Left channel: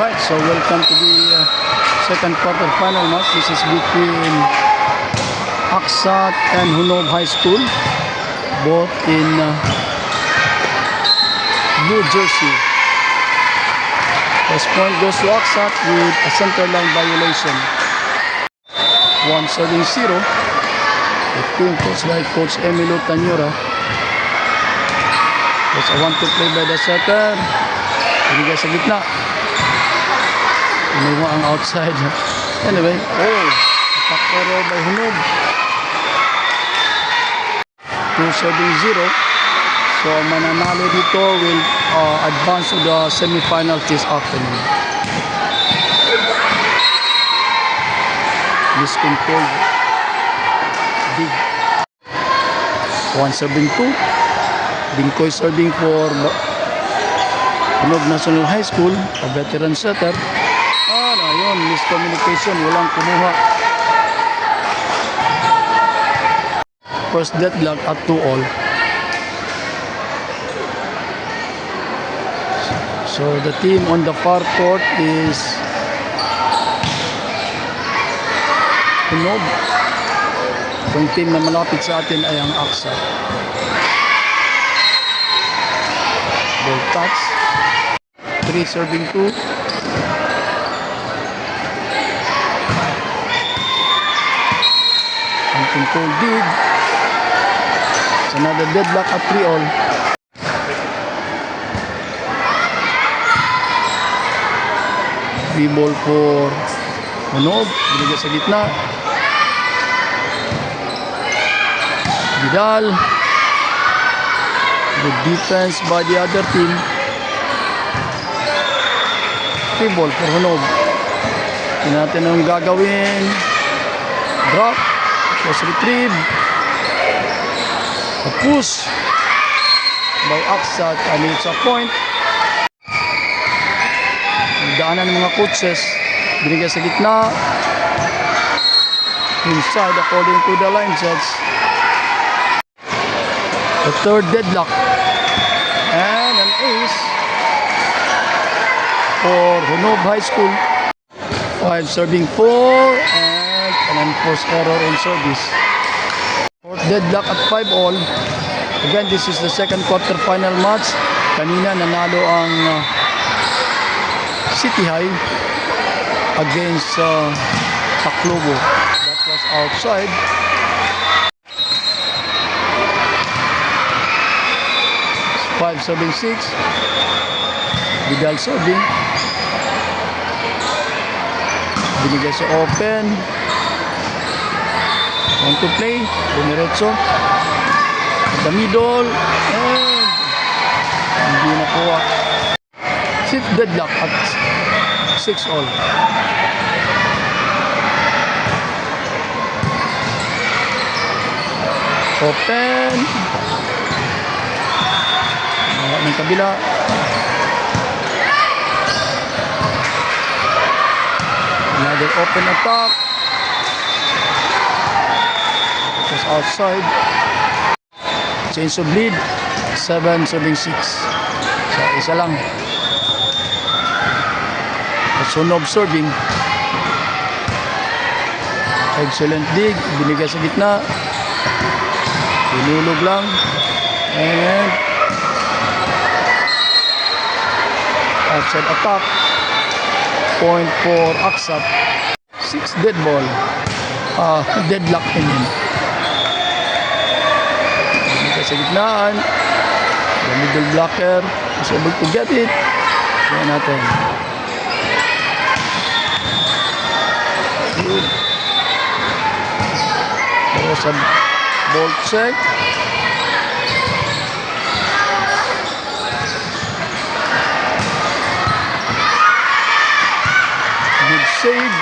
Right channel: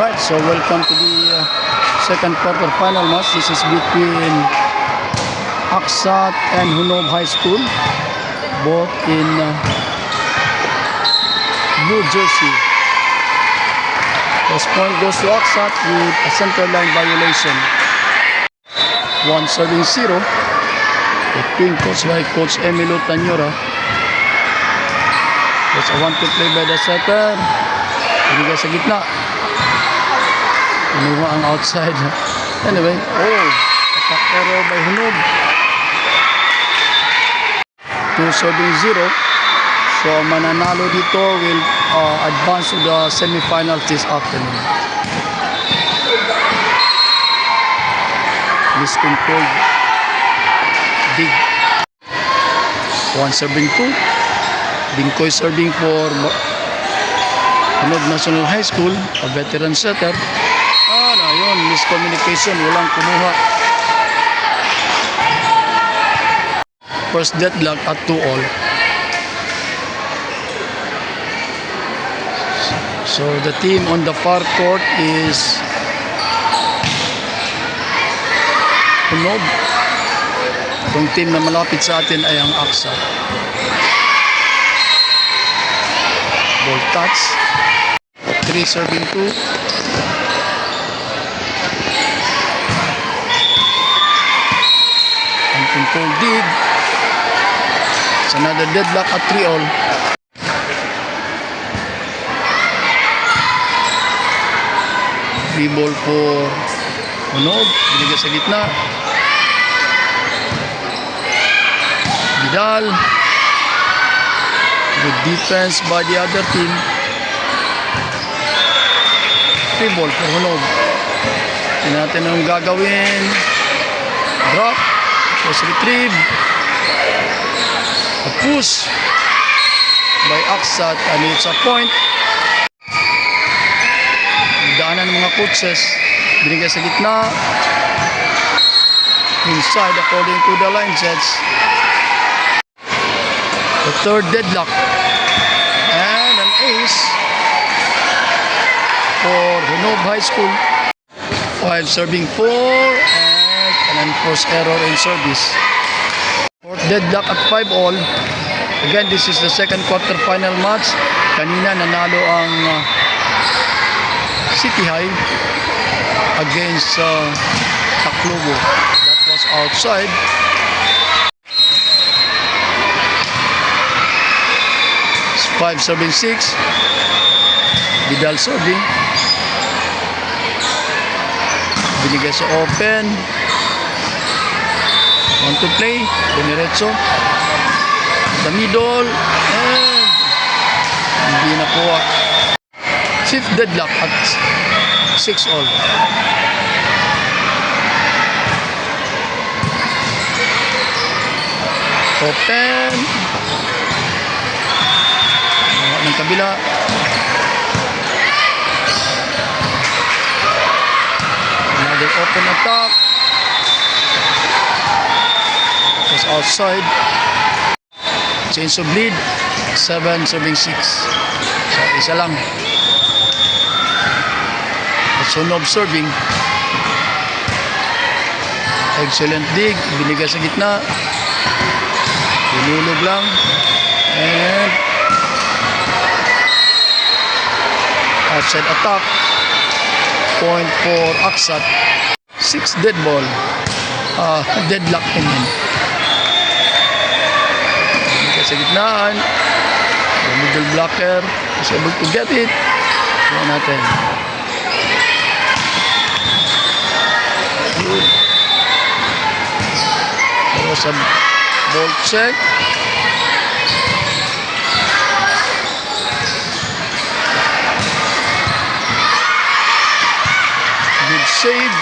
Alright, so welcome to the second quarter-final match. This is between Aksat and Hunob High School, both in New Jersey. First point goes to Aksat with a center line violation. 1-0. The team coached by Coach Emilio Tanyora. That's a 1-2 play by the setter. Binigay sa gitna. Inuha ang outside. Anyway, attack error by Hunob. 2-0. So, mananalo dito will advance to the semifinal this afternoon. Miscontrolled. Dig. 1-2. Bingkoy serving for Hunob National High School, a veteran setter. Ayun, miscommunication, walang kumuha. First deadlock at 2-all. So the team on the far court is Hunob. Itong team na malapit sa atin ay ang Aksat. Ball touch. 3-2. Control dig. It's another deadlock at 3-all. Free ball for Hunob. Binigay sa gitna. Vidal. Good defense by the other team. Free ball for Hunob. Tingnan natin ang gagawin. Drop. Was retrieved. A push by Aksat and it's a point. Daanan ng mga coaches. Binigay sa gitna. Inside according to the line judge. The third deadlock. And an ace for Hunob High School. 5 serving 4 and an unforced error in service. Fourth deadlock at 5-all. Again, this is the second quarter final match. Kanina nanalo ang City High against Taclobo. That was outside. It's 5-6. Vidal serving. Binigay sa open. 1-2 play. Dumiretso. The middle. And hindi nakuha. Fifth deadlock at 6-all. Open. Nakuha ng kabila. Another open attack. Was outside. Change of lead. 7-6. So isa lang. That's Hunob serving. Excellent dig. Binigay sa gitna. Pinulog lang. And outside attack. Point for Aksat. 6 dead ball. Deadlock in him. Sa gitnaan, the middle blocker is able to get it. Tingnan natin. Good. There was a ball check. Good save.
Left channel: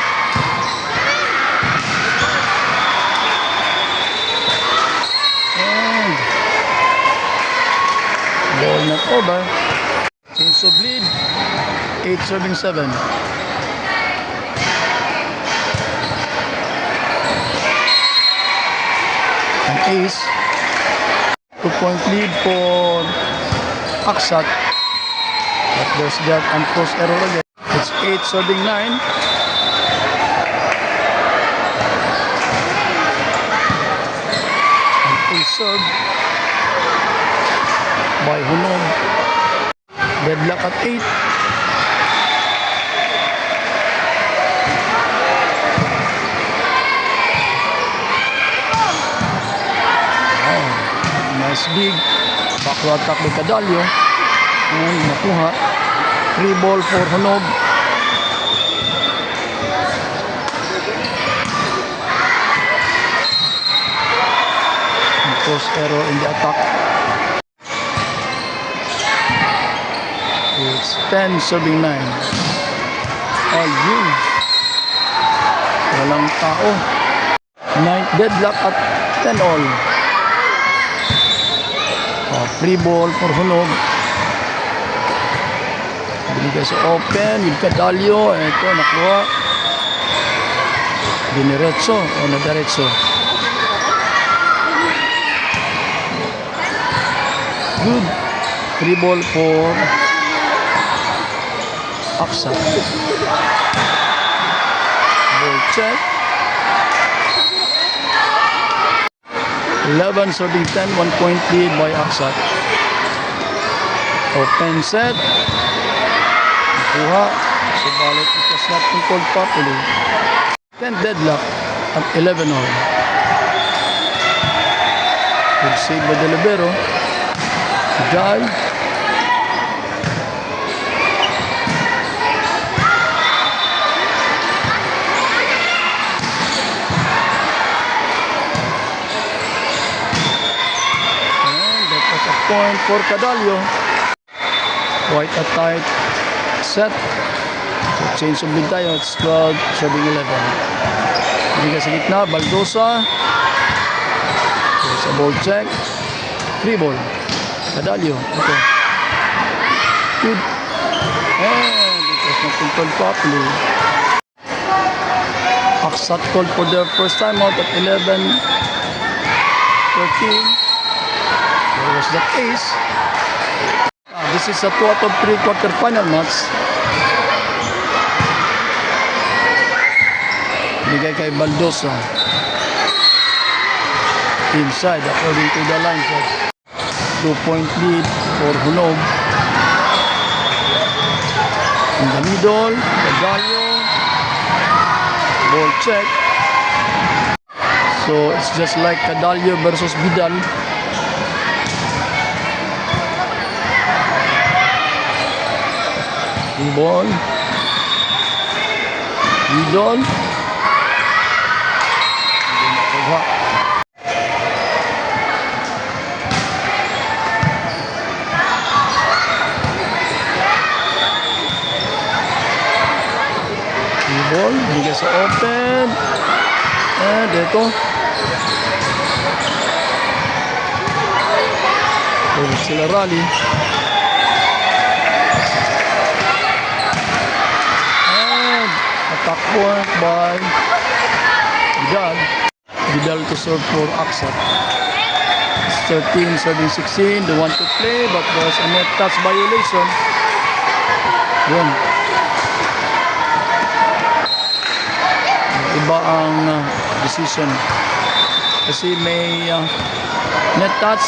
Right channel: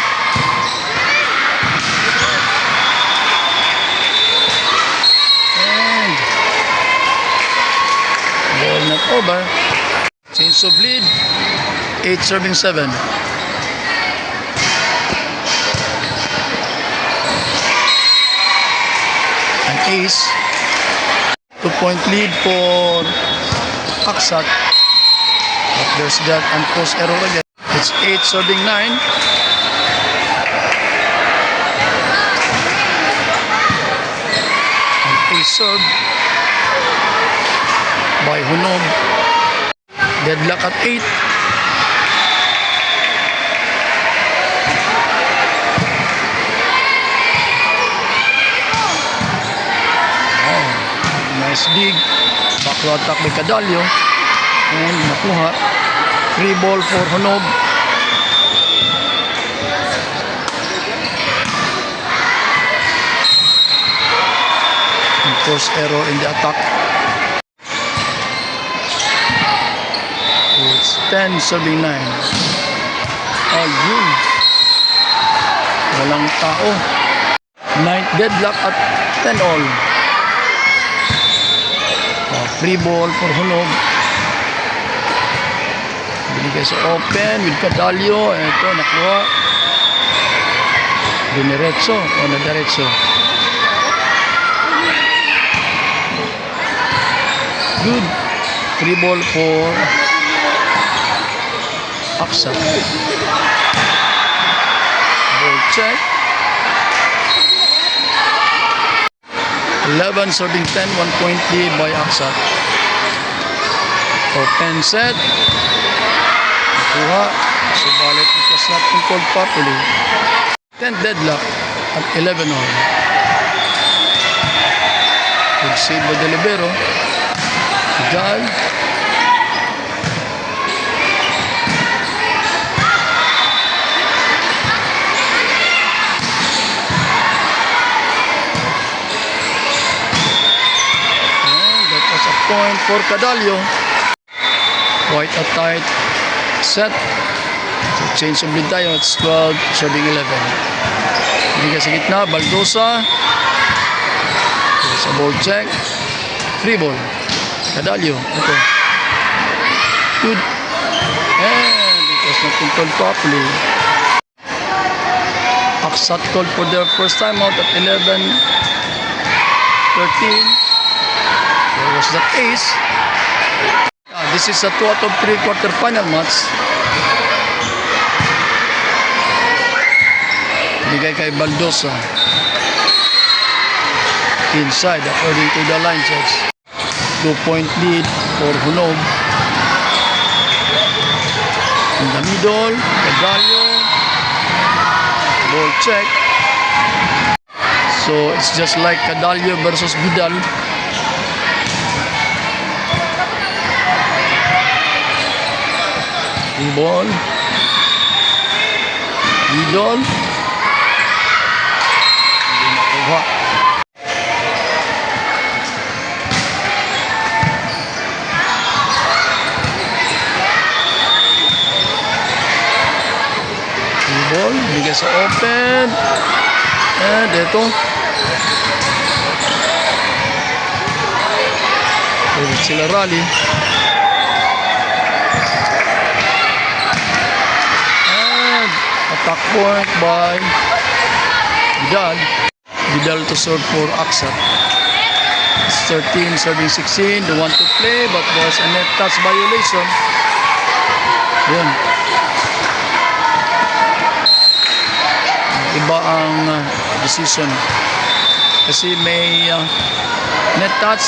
Ball not over. Change of lead. 8-7. An ace. 2-point lead for Aksat. But there's that unforced error again. It's 8 serving 9. And a serve by Hunog. Deadlock at 8. Nice dig. Back to attack by Cadallo. And nakuha. Free ball for Hunog. And forced error in the attack. So it's 10 serving 9. Ayun. Walang tao. 9th deadlock at 10 all. Free ball for Hunog. Binigay sa open with Cadallo. Ito, nakuha. Diniretso o nadiretso. Good. Free ball for Aksat. Ball check. 11 serving 10, 1 point lead by Aksat. Open set. Nakuha. Subalit it was not controlled properly. 10 deadlock at 11 all. Good save by De Libero. Vidal. Point for Cadallo. Quite a tight set. So change of lead tayo. It's 12 serving 11. Bigay sa gitna. Baldosa. There's a ball check. Free ball. Cadallo. Ito. Good. And it was not controlled properly. Aksat called for their first time out at 11-13. There was that ace. This is a 2 out of 3 quarter-final match. Bigay kay Baldosa. Inside according to the line checks. 2-point lead for Hunog. In the middle, Cadallo. Ball check. So it's just like Cadallo versus Vidal. Ball. Vidal. Hindi makuha. Ball. Bigay sa open. And ito. Sila rally. Attack point by Vidal. Vidal to serve for Aksat. It's 13 serving 16. They want to play but there's a net touch violation. Yun. Iba ang decision. Kasi may net touch.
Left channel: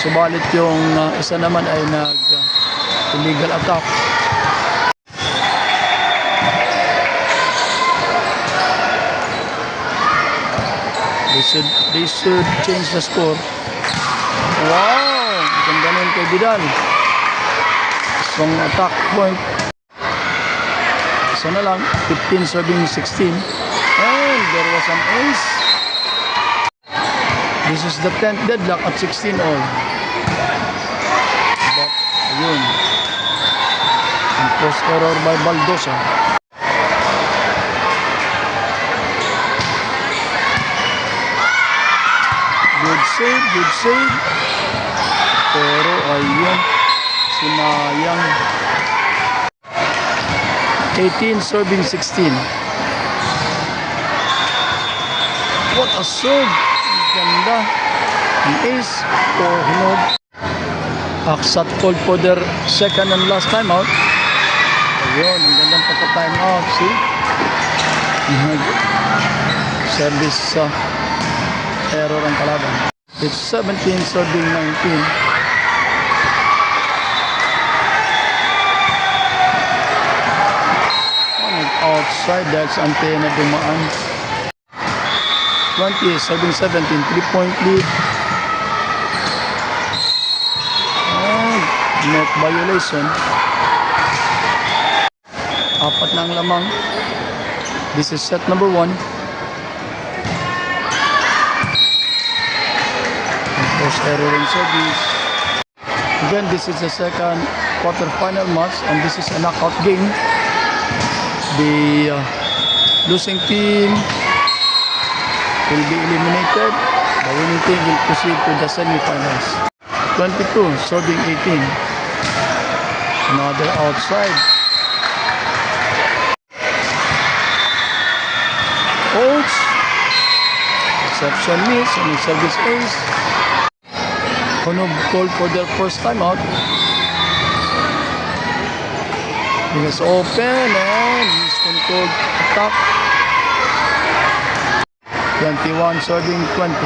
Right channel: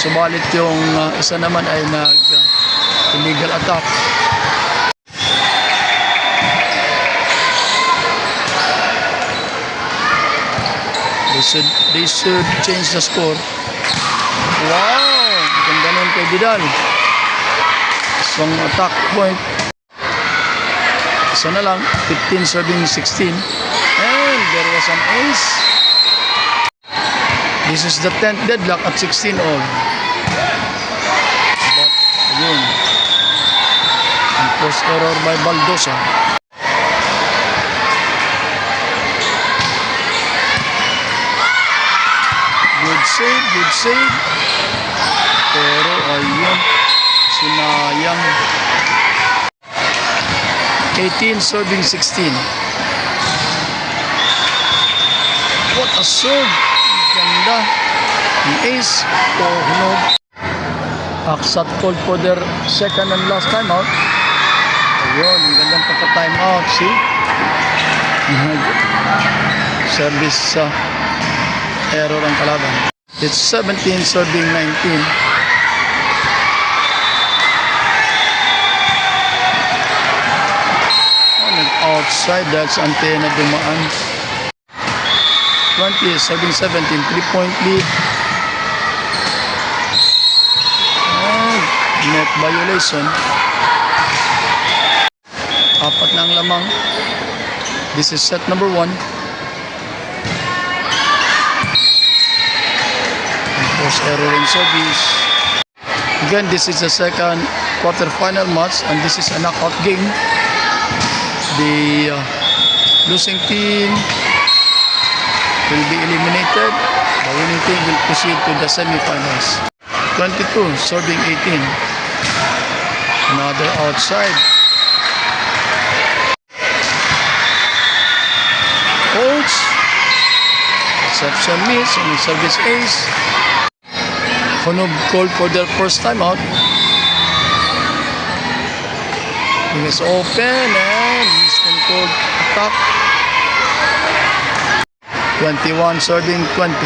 Subalit yung isa naman ay illegal attack. They should change the score. Wow! Ganda nun kay Vidal. Isang attack point. Isa na lang. 15 serving 16. And there was an ace. This is the 10th deadlock at 16 all. But, ayun. And forced error by Baldosa. Good save, good save. Pero ayun, sinayang. 18 serving 16. What a serve. Ganda. An ace for Hunog. Aksat called for their second and last time out. Yun, ang gandang pagka-time out. See? Service error ang kalaban. It's 17 serving 19. Outside, that's antena dumaan. 20 serving 17, 3-point lead. And net violation. Apat na ang lamang. This is set number 1. And force error in service. Again, this is the second quarterfinal match, and this is a knockout game. The losing team will be eliminated. The winning team will proceed to the semifinals. 22 serving 18. Another outside. Holds. Reception miss on the service ace. Honub called for their first time out. It is open and miscontrolled attack. 21 serving 20.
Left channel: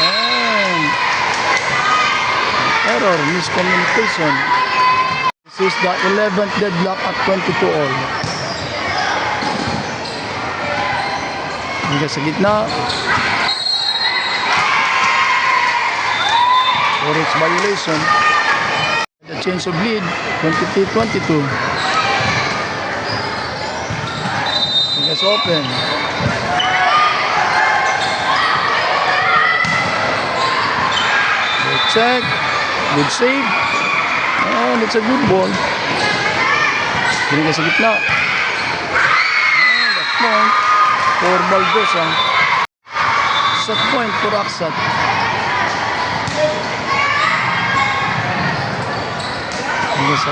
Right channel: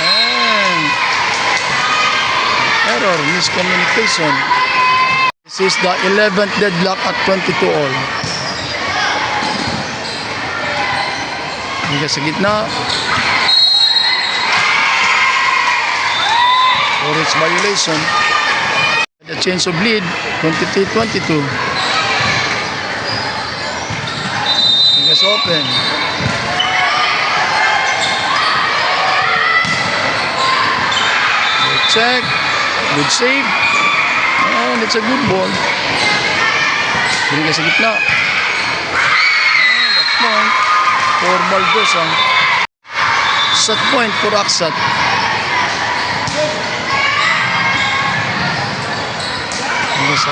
And error, miscommunication. This is the 11th deadlock at 22 all. Hingga sa gitna. For its violation, the change of lead, 23-22. It's open. Good check, good save, and it's a good ball. Binigay sa gitna. And that's point for Baldosa. Set point for Aksat. And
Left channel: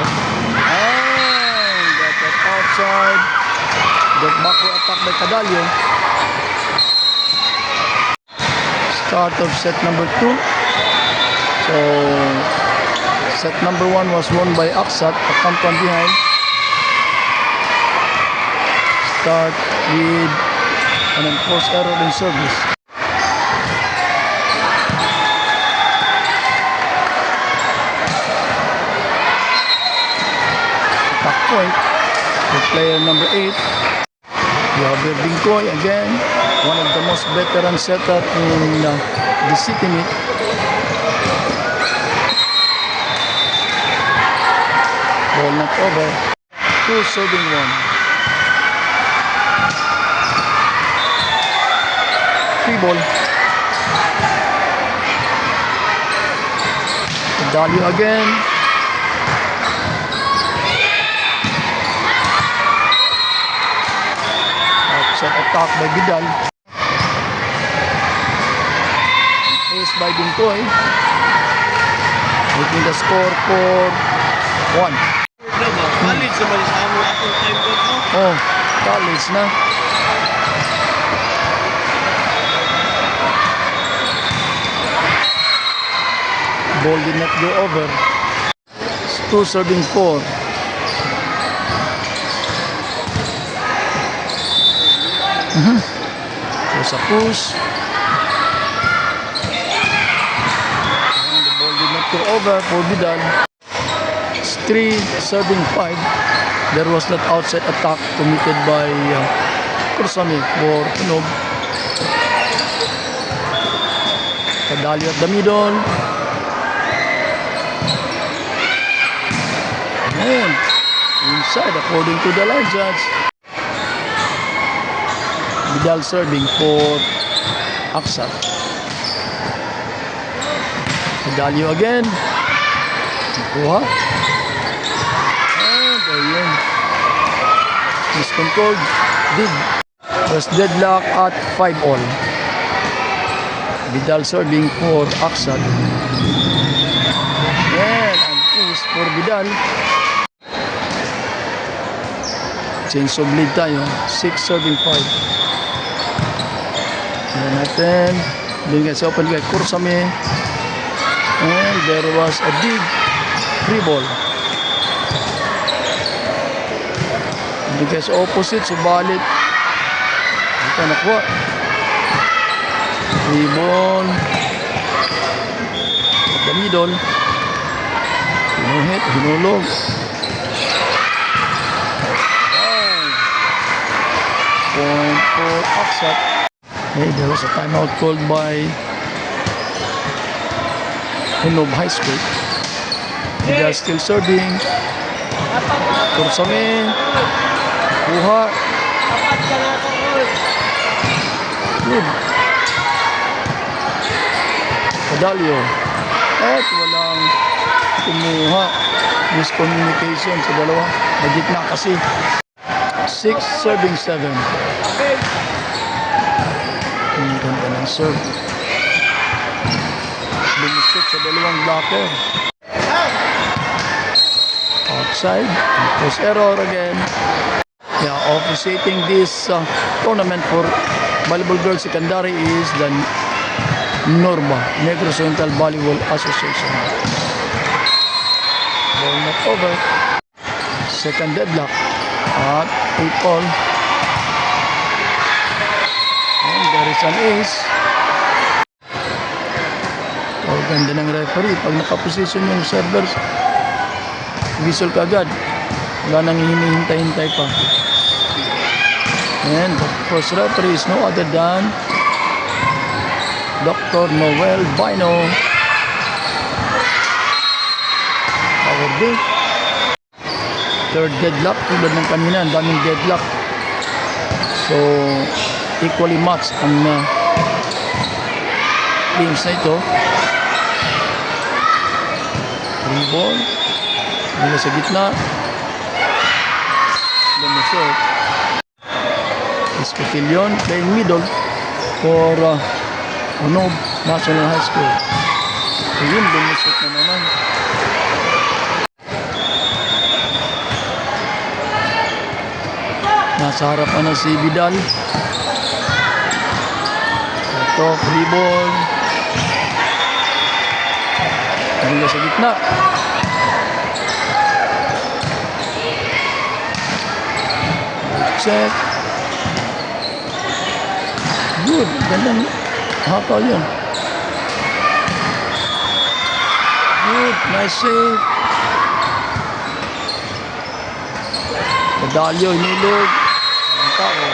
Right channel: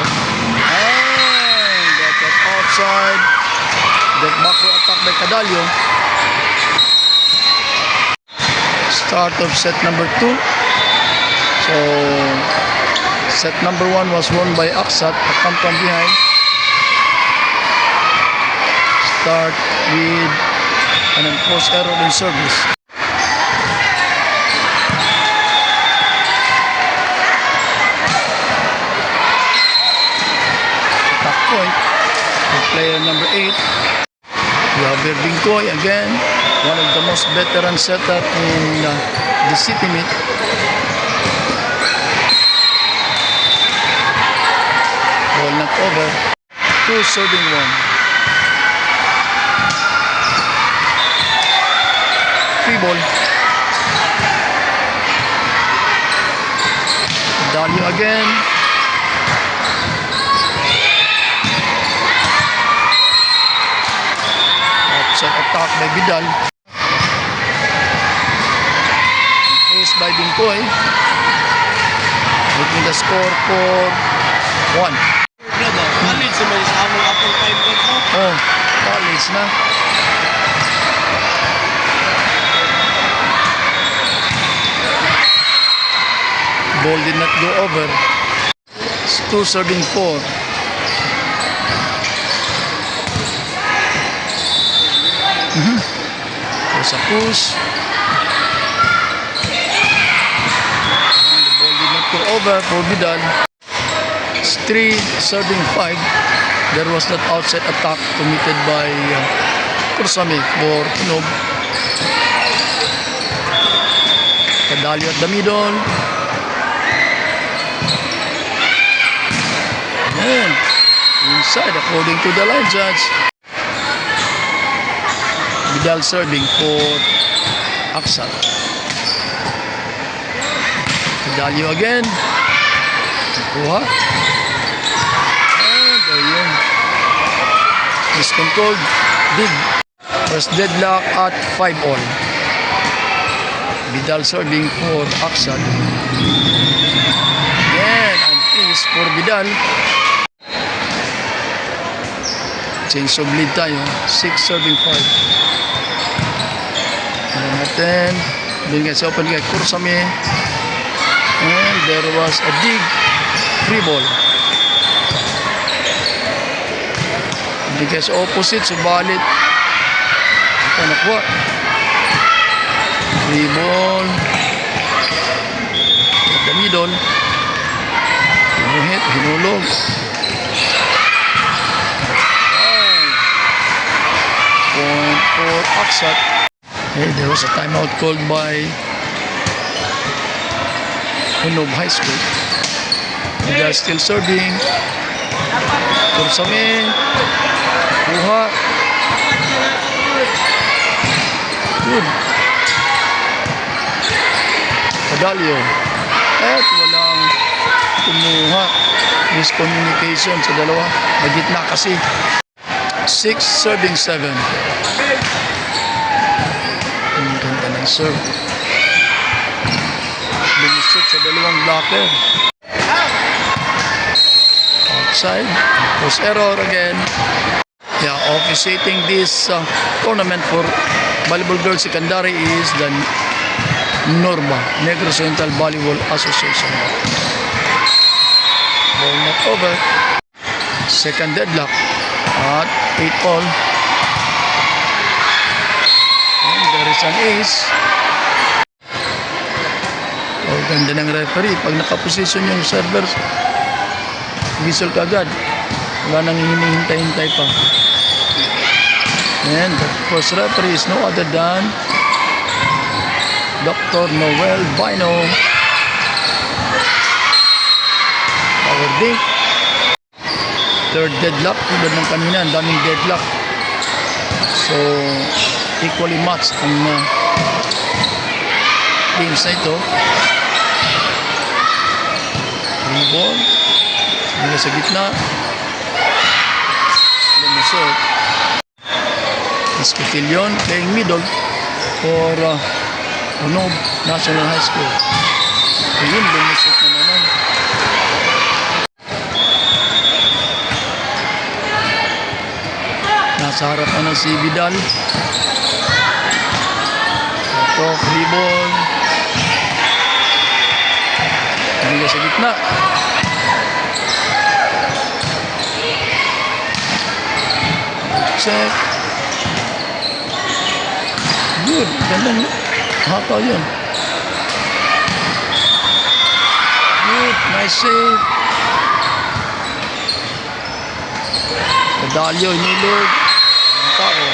that was outside. That backward attack by Cadalio. Start of set number 2. So set number 1 was won by Aksat. Attack from behind. Start with an enforced error in service. Point for player number 8. We have Binkoy again, one of the most veteran setter in the city meet. Ball not over. 2 serving 1. 3 ball. Dalio again. Attack by Vidal. Ace by Binkoy. Making the score for 1. Oh, college na. Ball did not go over. It's 2 serving 4. There's a push. And the ball did not go over for Vidal. It's 3 serving 5. There was that outside attack committed by Kursame for Tunog. Cadalio at the middle. And inside according to the line judge. Vidal serving for Aksat. Cadalio again. Nakuha. And ayun. Miscontrolled. Big. Was deadlock at 5 all. Vidal serving for Aksat. And an ace for Vidal. Change of lead tayo. 6 serving 5. Ayan natin. Binigay sa open kay Kursame. And there was a big free ball. Because opposite, subalit ito nakuha. Free ball at the middle. Hinuhit, hinulog. Wow. Point for Aksat. Hey, there was a timeout called by Hunob High School. They are still serving. Kursame. Kuha. Good. Kadalyo. At walang kumuha. Miscommunication sa dalawa. Nagitna kasi. 6 serving 7. Ang ganda ng serve. Lumusot sa dalawang blocker. Outside. Post error again. Yeah, officiating this tournament for Volleyball Girls Secondary is the NORBA, Negros Oriental Volleyball Association. Ball not over. Second deadlock at 8-all. And there is an ace. Oh, ganda ng referee. Pag nakaposisyon yung server, whistle ka agad. Wala nang hinihintay-hintay pa. And the first referee is no other than Dr. Noel Bino. Power dink. Third deadlock. Tulad ng kanina, ang daming deadlock. So, equally matched ang games na ito. Free ball. Mula sa gitna. Lumusot. Escotillon playing middle for Hunob National High School. Ayun, lumusot na naman. Nasa harapan na si Vidal. Ito, free ball. Mula sa gitna. Check. Good. Gandang haka yun. Good. Nice save. Kadalyo, inulog. Tao.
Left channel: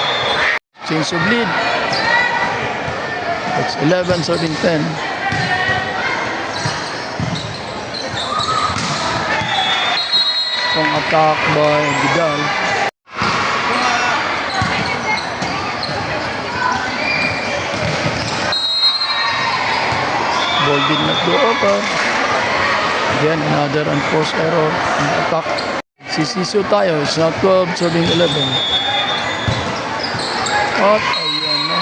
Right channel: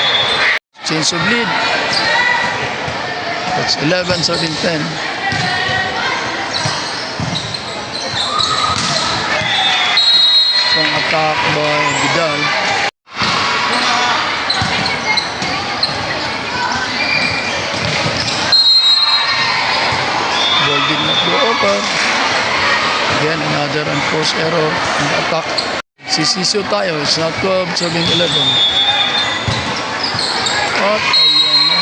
Change of lead. That's 11, 13, 10. Strong attack by Vidal. Ball did not go over. Again, another unforced error in the attack. Sisisyo tayo. It's not 12, serving 11. At ayan na.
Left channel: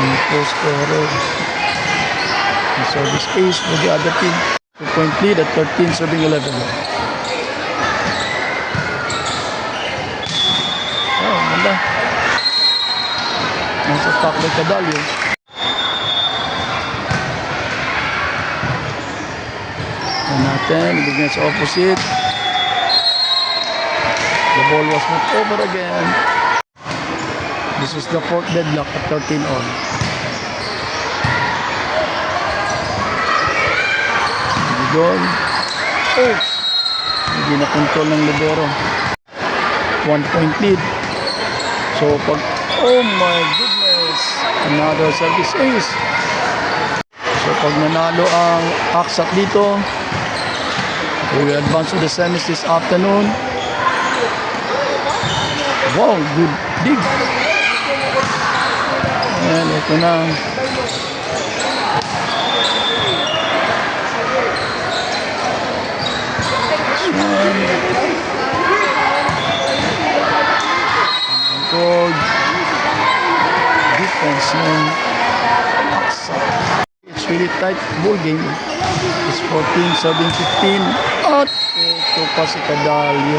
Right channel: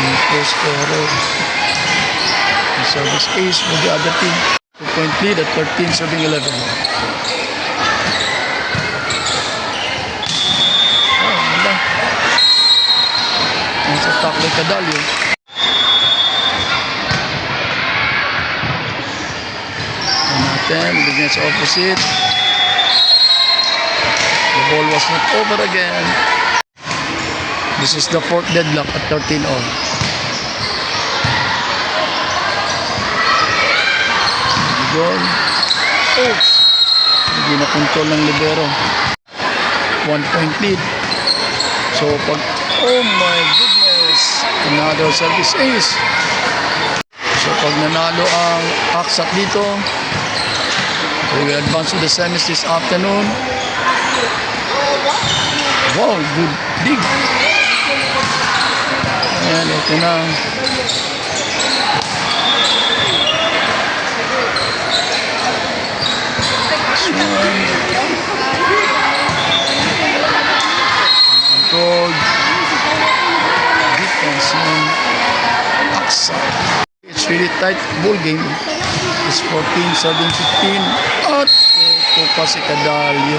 Unforced error. The service ace for the other team. 2-point lead at 13, serving 11. Oh, manda. Nice attack by Kadalyo. Bigyan sa opposite. The ball was not over again. This is the fourth deadlock at 13-all. Goal. Oops. Hindi na control ng libero. 1-point lead. So pag, oh my goodness, another service ace. So pag nanalo ang Aksat dito, we will advance to the semis this afternoon. Wow, good dig. Ayan, ito na. Controlled defense ng Aksat. It's really tight ball game. It's 14, 17, 15. At ito pa si Kadalyo.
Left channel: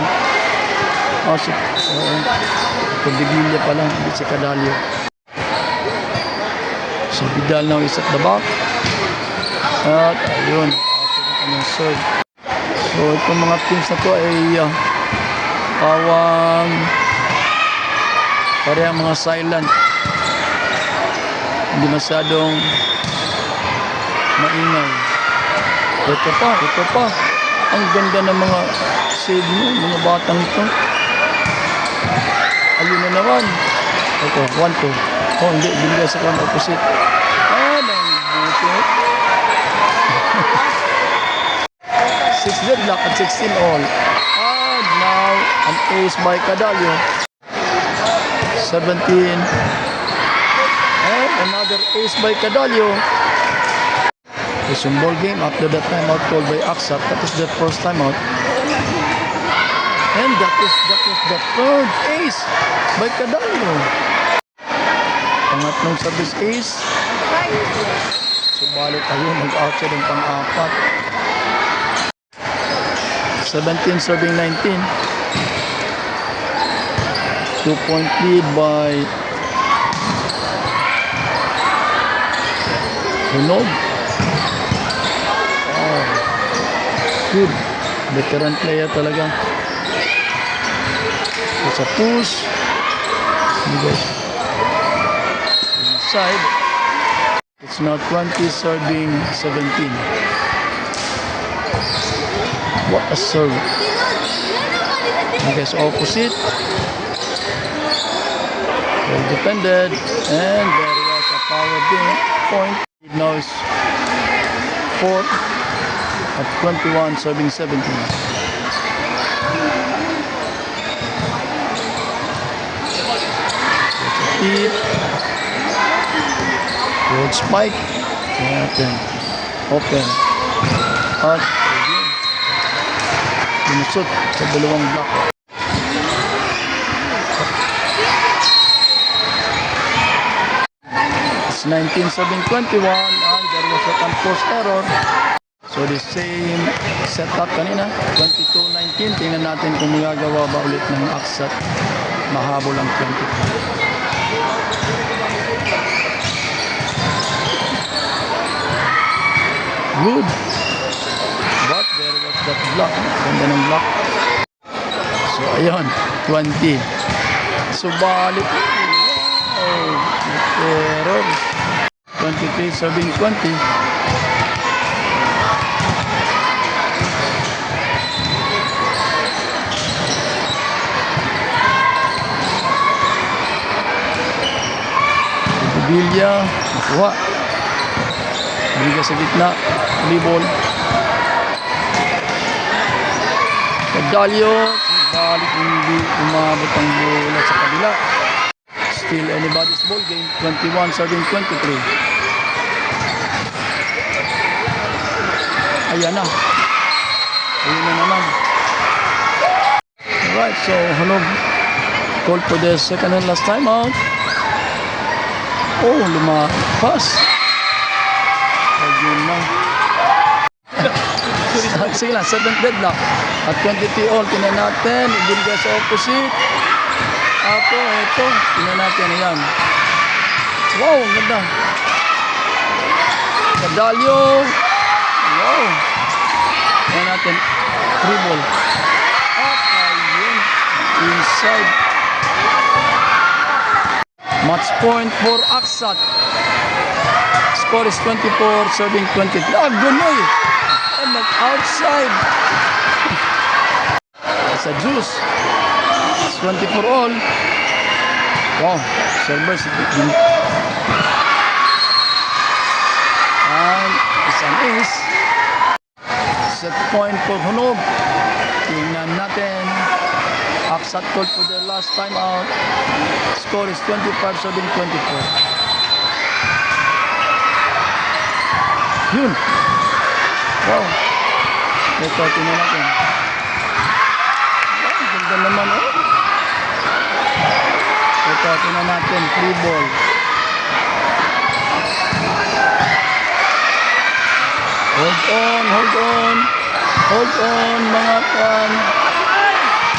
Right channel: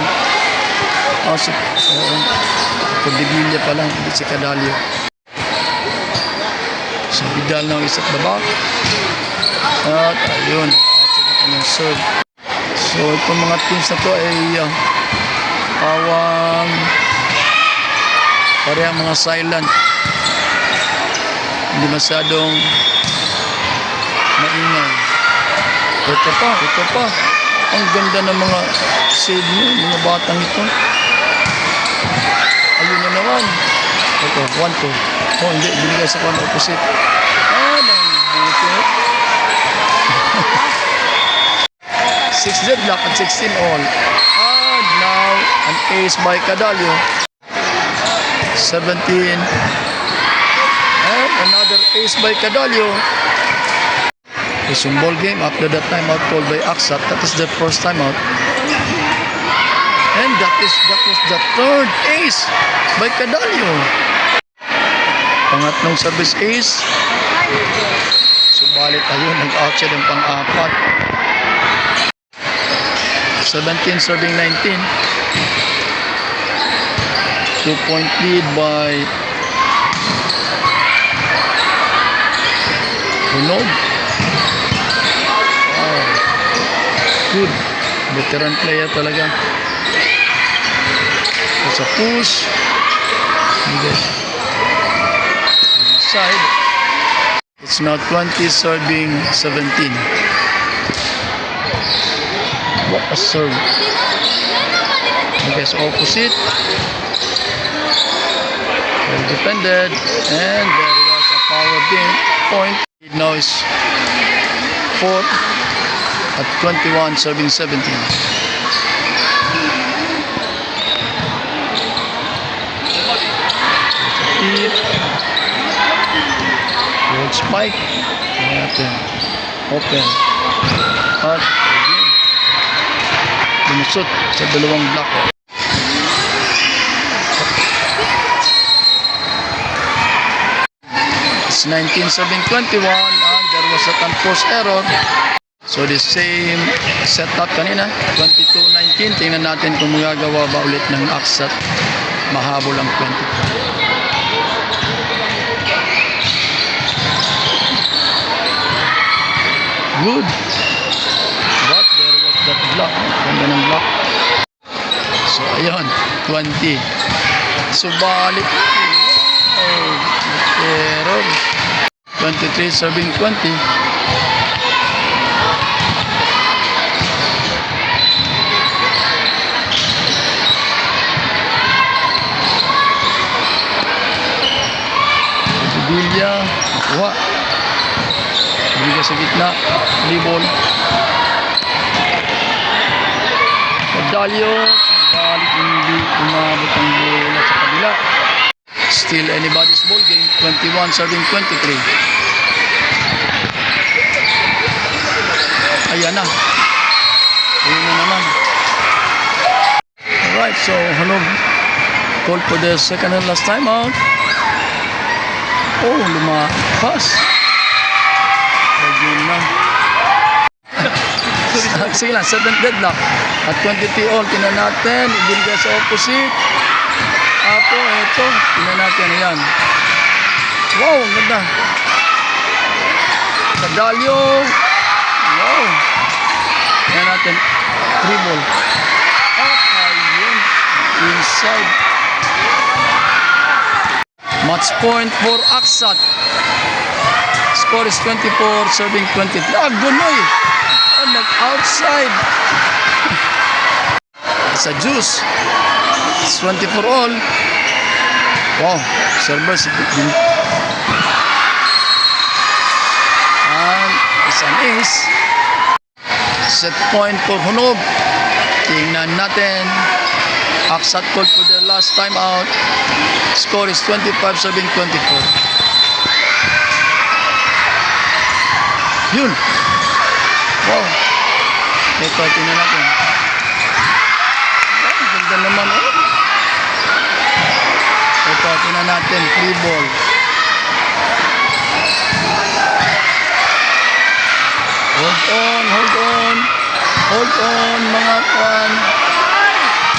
Kondibilla pa lang, hindi si Kadalyo. Si Vidal now is at the back. At ayun, outside ang kanyang serve. So itong mga teams na to ay pawang parehang mga silent. Hindi masyadong maingay. Ito pa. Ang ganda ng mga shade mo, mga batang ito. Ayun na naman. Ito, 1-2. Oh, hindi, binigay sa one opposite. Nang bukit. 6 deadlock at 16 all. And now, an ace by Cadallo. 17. And another ace by Cadallo. It's yung ball game after that timeout called by Aksat. That is the first timeout. And that was the third ace by Cadallo. Pangatlong service ace. Subalit ayun, nag-out siya ng pang-apat. 17 serving 19. 2-point lead by Hunog. Oh, good. Veteran player talaga. Sa push. Inside. It's now 20 serving 17. What a serve. Because opposite. Well defended. And there was a power game point. It now is 4 at 21 serving 17. Gold spike. Natin. Open. At again. Binusot sa dalawang block. It's 19 serving 21 and there was a unforced error. So the same setup kanina, 22-19. Tingnan natin kung magagawa ba ulit ng Aksat. Mahabol ang 22. Good. But there was that block. Ganda ng block. So ayun, 20. Subalit. Wow. Error. 23 serving 20. Bilya, nakuha. Bigay sa gitna, libol. Cadallo, balik hindi umabot ang bola sa kabila. Still anybody's ball game, 21 serving 23. Ayan na. Ayun na naman. Alright, so Hunog called for the second and last time out. Oh, lumapas. Ayun na. Sige lang, 7th deadlock. At 23 all, tinan natin. Ibigay sa opposite. Apo, eto. Tinan natin, ayan. Wow, ang ganda. Cadallo. Wow. Tinan natin. 3 ball. At ayun. Inside. Match point for Aksat. Score is 24, serving 23. Gunoy! Oh, nag-outside. It's a juice. It's 24 all. Wow, servers. And it's an ace. Set point for Hunog. Tingnan natin. Aksat called for the last time out. Score is 25, serving 24. Yun. Wow. Ito, tingnan natin. Wow, ganda naman, oh. Ito, tingnan natin. Free ball. Hold on, hold on. Hold on, mga kan.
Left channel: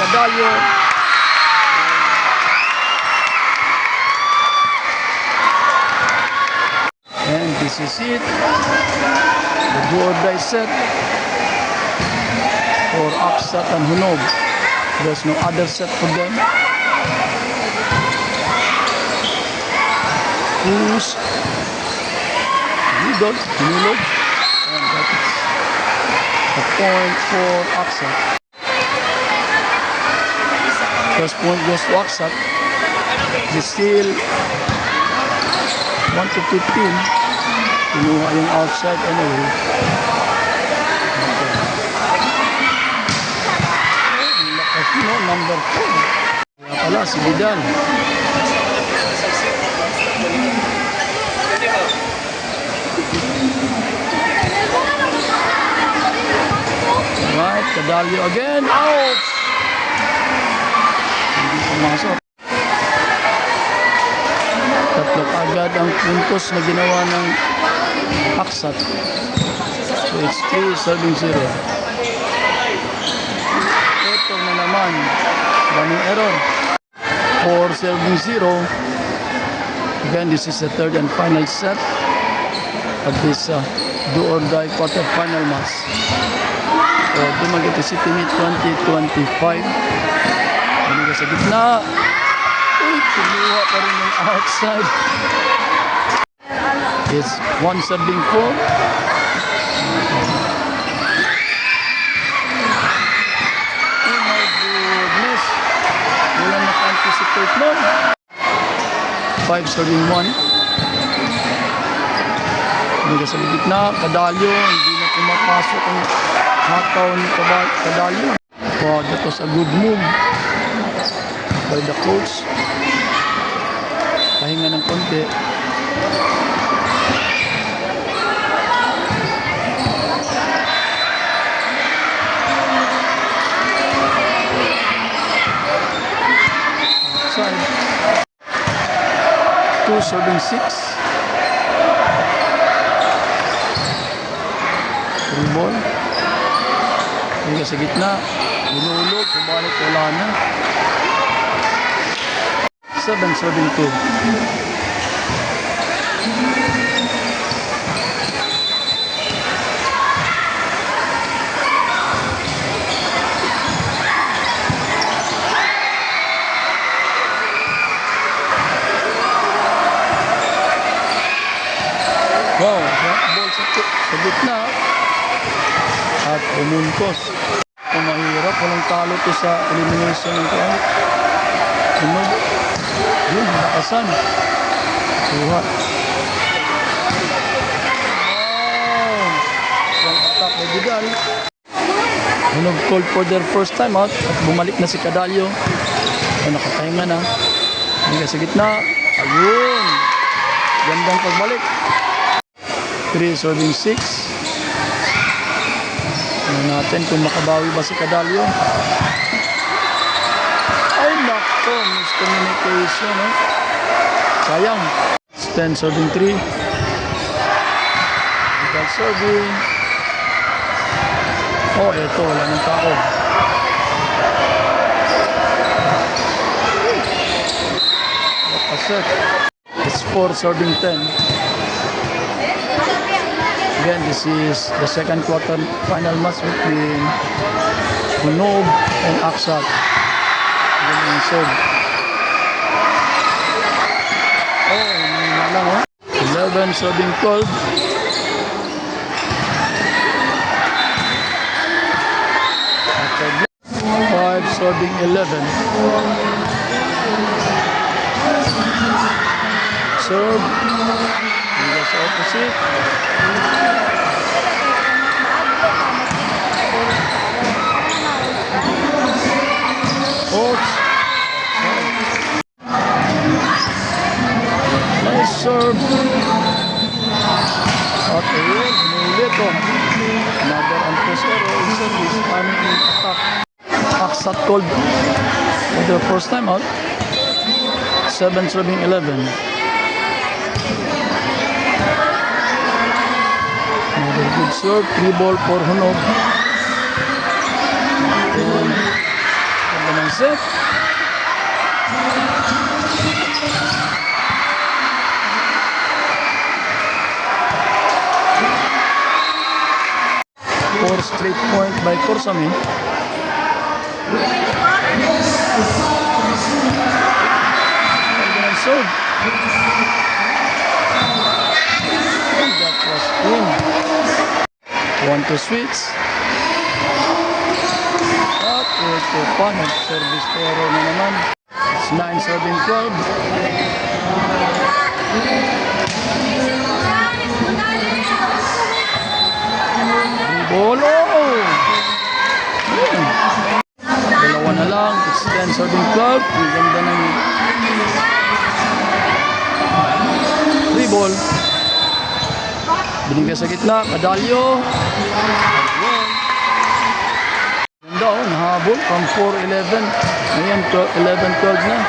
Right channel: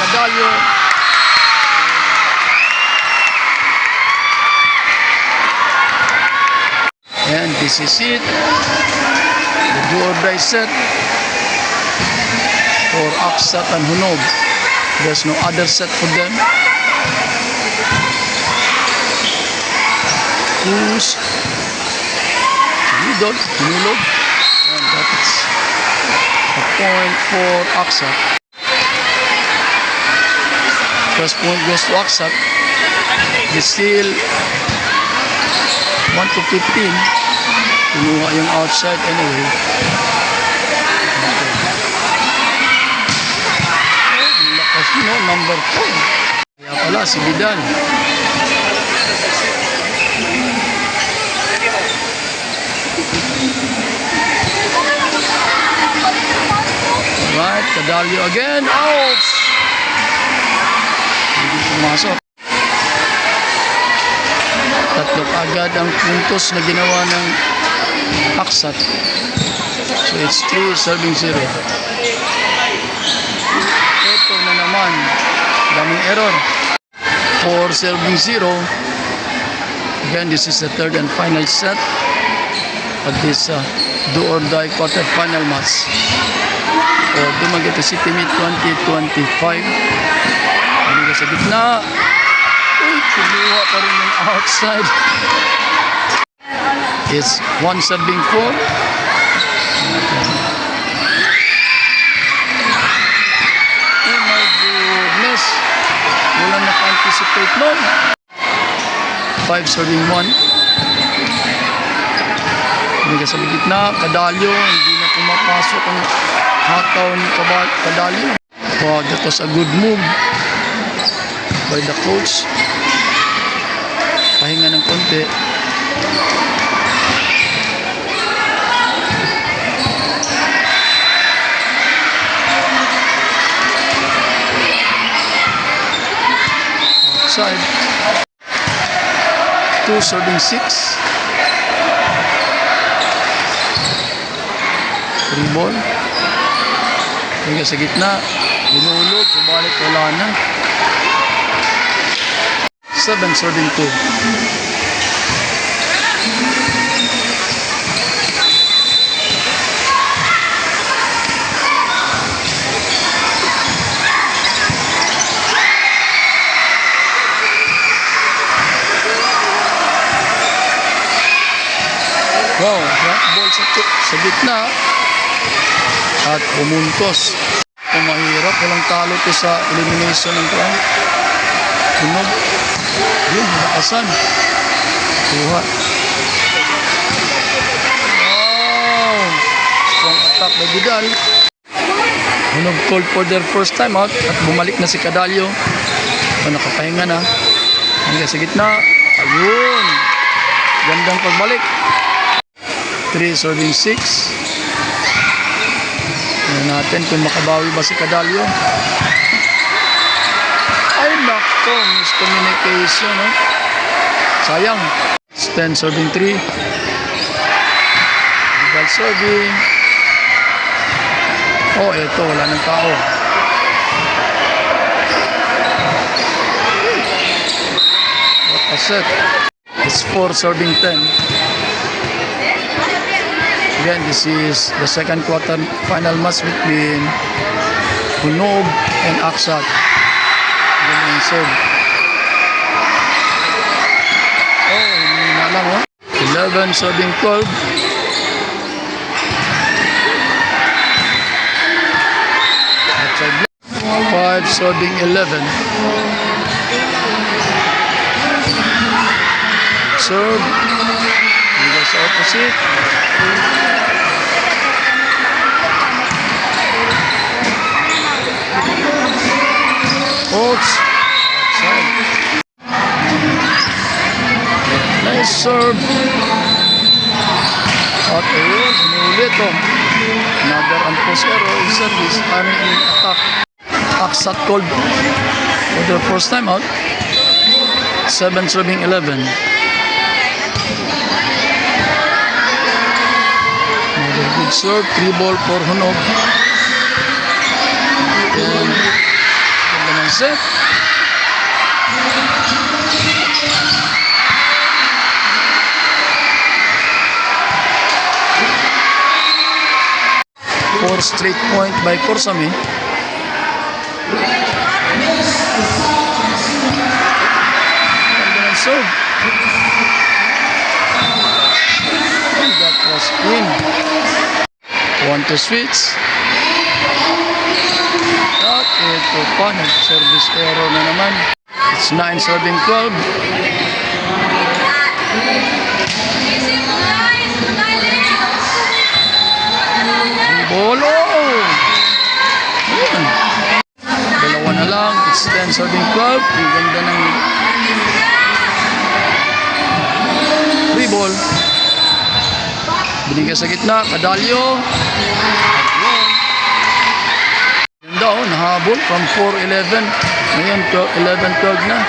Cadallo. And this is it. The do-or-die set for Aksat and Hunog. There's no other set for them. Who's Hinulog, and that's a point for Aksat. First point goes to Aksat. It's still 1-15. Kinuha yung outside anyway. Okay. Lakas mo, number 4. Kaya pala, si Vidal. Alright, Cadallo again. Ouch! Hindi pumasok. Tatlo agad ang puntos na ginawa ng Aksat. So it's 3 serving 0. Ito na naman. Daming error. 4 serving 0. Again, this is the third and final set of this do-or-die quarter-final match. So, Dumaguete City Meet 2025. Hindi ka sa gitna. Uy, kumuha pa rin yung outside. It's 1 serving 4. Oh my goodness. Wala naka-anticipate nun. 5 serving 1. Hindi ka sa gitna. Cadallo. Hindi na pumapasok ang hataw ni Cadallo. Wow, that was a good move by the coach. Pahinga ng konti. Outside. 2 serving 6. 3 ball. Hingga sa gitna. Binulog. Kumalik. Wala na. 7 serving 2. Wow, drop ball sa gitna at pumuntos. Kung mahirap, walang talo to sa elimination ng kuwan. Hunog. Yun, nakasan. Kuha. Wow! Strong attack by Vidal. Hunog called for their first time out at bumalik na si Cadallo. O, nakapahinga na. Hingga sa gitna. Ayun! Gandang pagbalik. 3 serving 6. Tingnan natin kung makabawi ba si Cadallo. Ay nako, miscommunication. Sayang. 10 serving 3. Vidal serving. Oh, eto, wala ng tao. What a set. It's 4 serving 10. Again, this is the second quarter final match between Hunog and Aksat. Again, yung serve. Oh, hindi na lang, oh. 11 serving 12. Outside block. 5 serving 11. Serve. Hindi sa opposite. Outside. Nice serve. At ayun, inulit oh. Another unforced error in service. I mean in attack. Aksat called for the first time out. 7 serving 11. Another good serve. 3 ball for Hunog. And set. 4 straight point by Korsame. And then serve. And that was in. 1 to switch. At ito pa, nag-service error na naman. It's 9 serving 12. Bolo! Ayan. Dalawa na lang. It's 10 serving 12. Ang ganda ng free ball. Binigay sa gitna. Kadalyo. Ayun. Ganda oh. Nahabol from 4-11. Ngayon 11-12 na.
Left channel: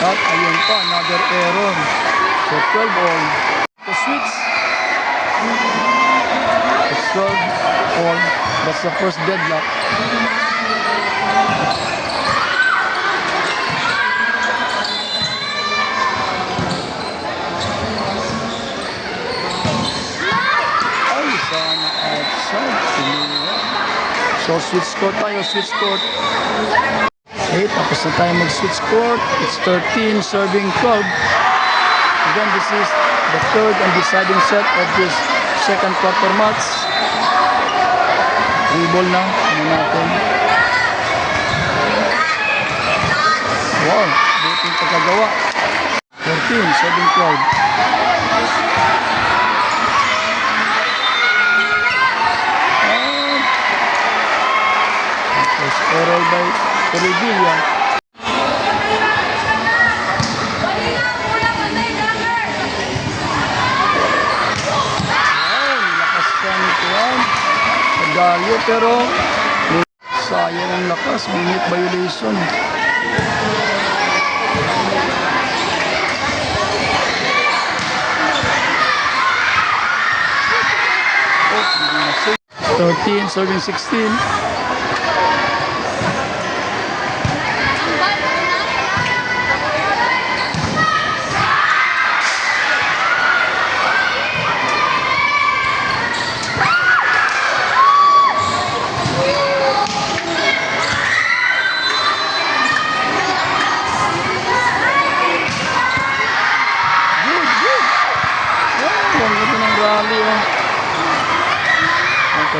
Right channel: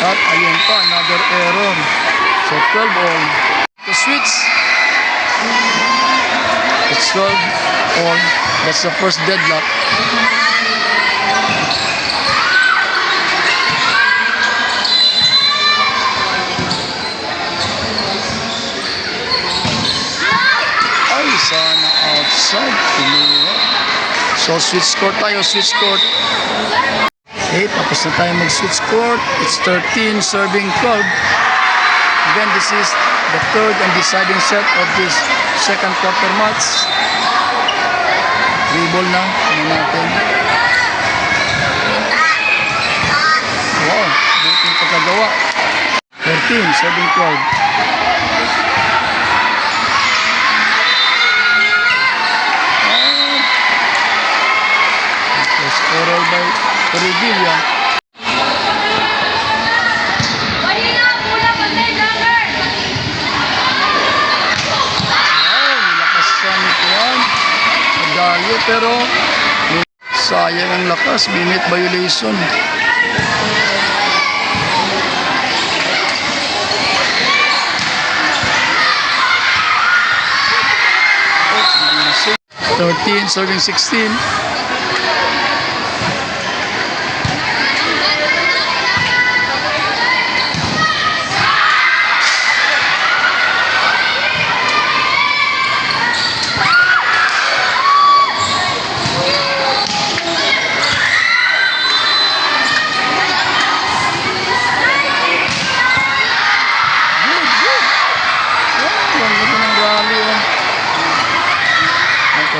At ayun pa. Another error. So 12 all. The switch. It's 12 all. That's the first deadlock. Ay, sana outside. So switch court tayo. Switch court. Okay, tapos na tayo mag-switch court. It's 13 serving 12. Again, this is the third and deciding set of this second quarter match. 3 ball na. Ano natin? Wow, buting pagkagawa. 14, 7-12. It was error by Toribilla. Dalyo pero sayang ang lakas, minute violation. Oh, 13 serving 16.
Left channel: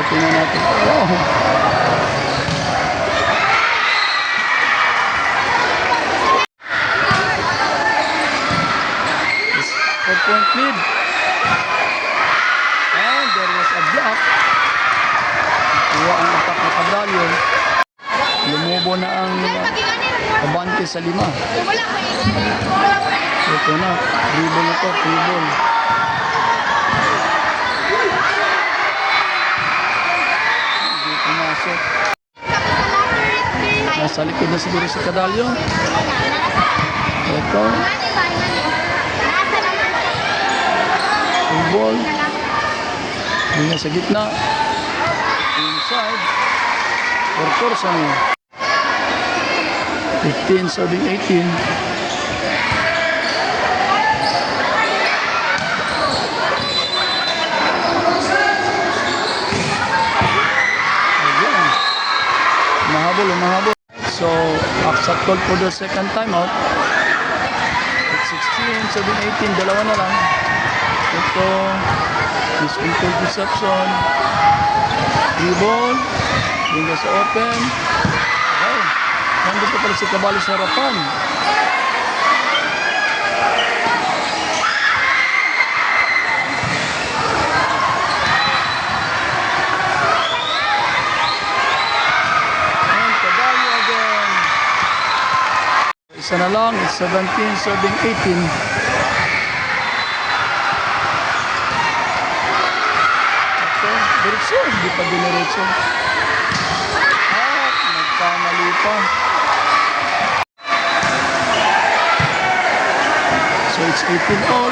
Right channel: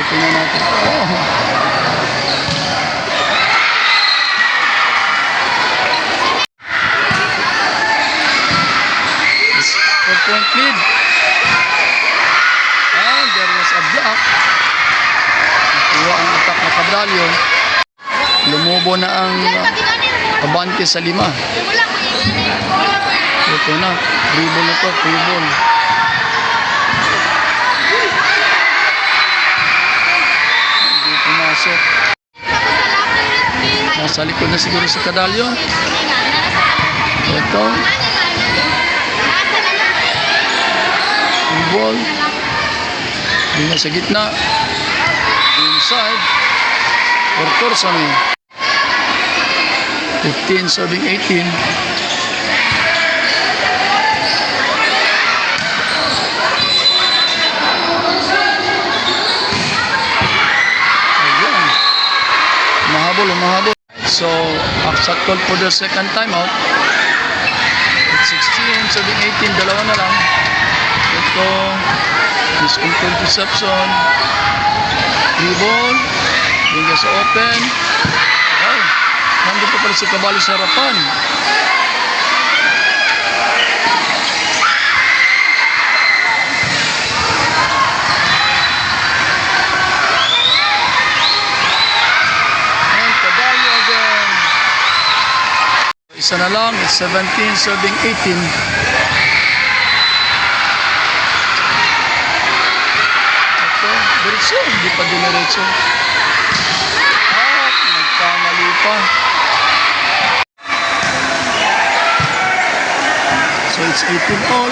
Tingnan natin. Wow. It's 4-point lead. And there was a block. Kuha ang attack na Kadalyo. Lumubo na ang abante sa 5. Ito na. Free ball na to. Free ball. Pumasok. Nasa likod na siguro si Kadalyo. Ito. Full ball. Hindi sa gitna. Inside. For Korsame. 15 serving 18. Umahabol. So, upset call for the second timeout. It's 16, 17, 18, dalawa na lang. Ito, miscontrol deception. Free ball. Hingga sa open. Wow. Nandun pa pala si Caballo sa harapan. Isa na lang, it's 17 serving 18. Ito, diretso, hindi pa diniretso. Ah, nagkamali pa. So it's 18 all.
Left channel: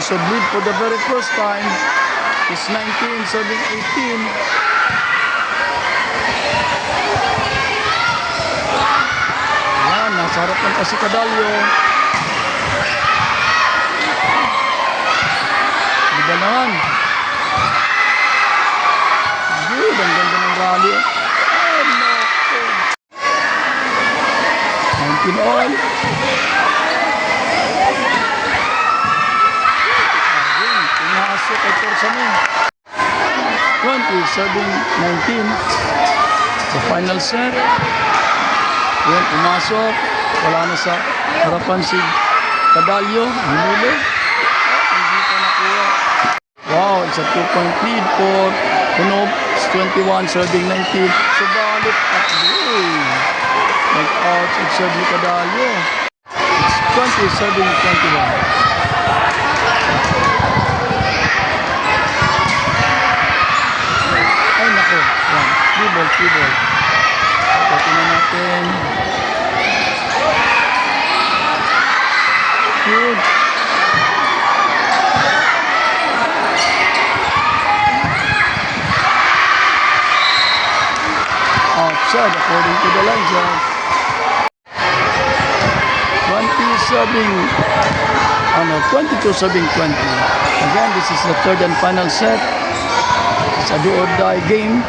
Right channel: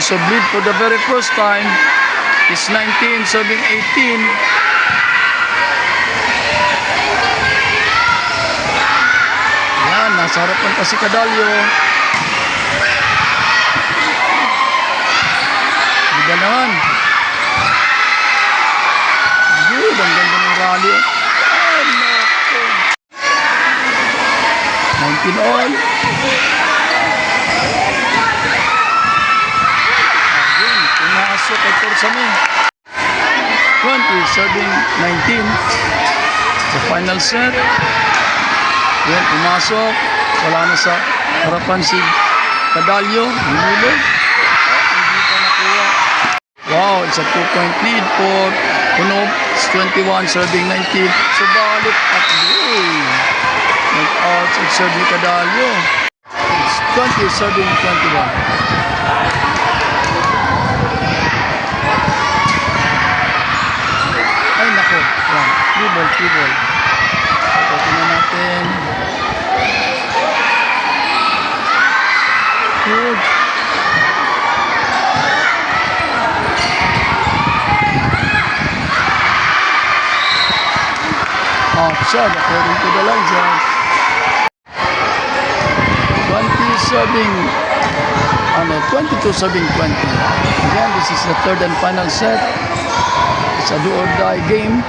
So bleed for the very first time. It's 19 serving 18. Nasa harapan pa si Cadallo. Ganda naman. Good, ang ganda ng rally. Ay, naku. 19 all. Ayun, pumasok kay Torsami. 20, serving 19. The final set. Yan, pumasok. Wala na sa harapan si Cadallo. Hinulog. Hindi pa nakuha. Wow, it's a 2-point lead for Punob. It's 21, serving 19. Subalit at goal. Nag-out at serve ni Cadallo. It's 20, serving 21. Ay, nako. Yan. 3 ball. Tingnan natin. Good. Outside according to the line judge. 22 serving 20. Again, this is the third and final set. It's a do or die game.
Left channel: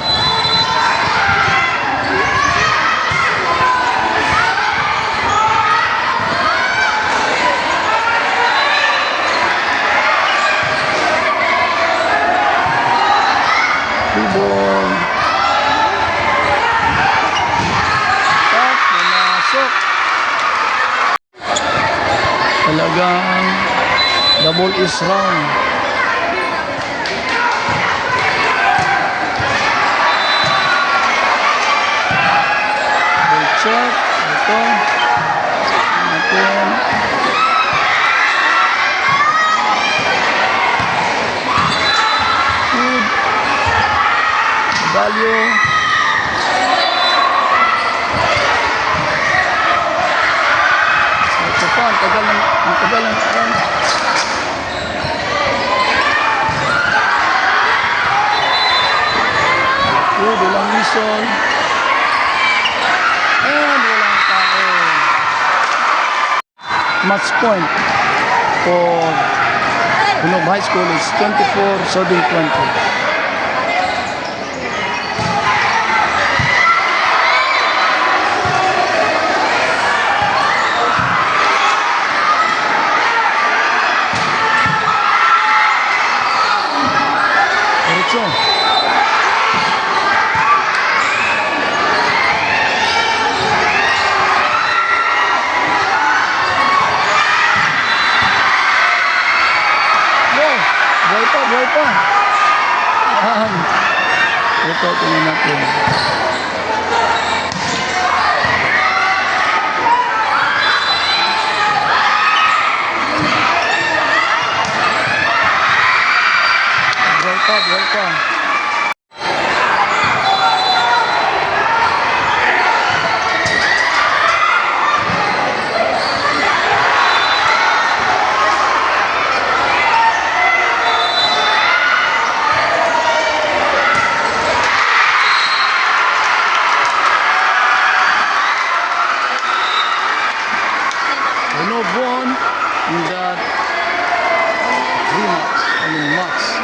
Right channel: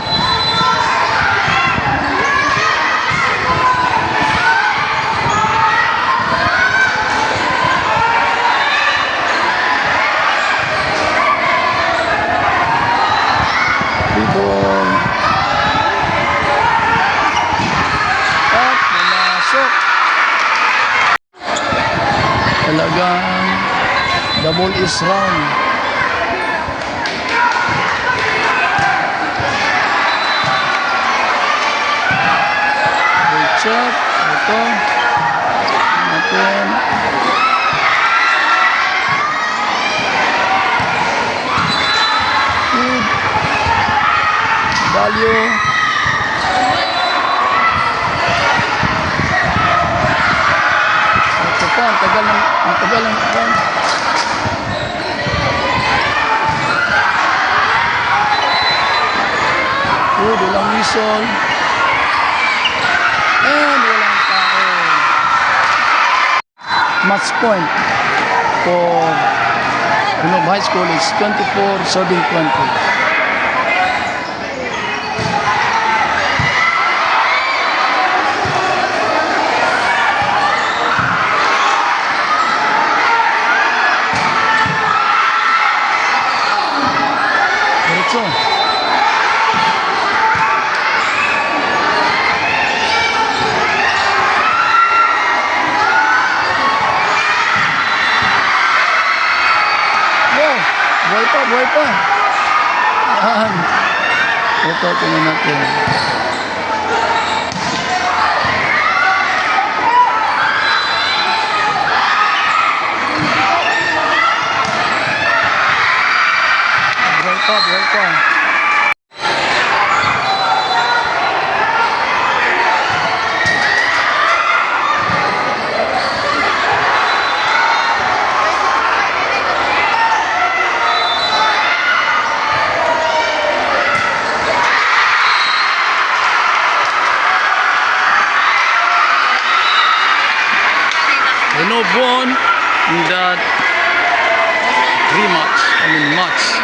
Ball. At pumasok. Talagang the ball is round. Ball check. Ito. Natin. Good. Cadallo. Ito pa, ang tagal ng run. Good, walang whistle. And walang tao. Match point for Punob High School is 24 serving 20. Diretso. Buhay pa. Yan. Ito, tingnan natin. Buhay pa. Punob won in that match.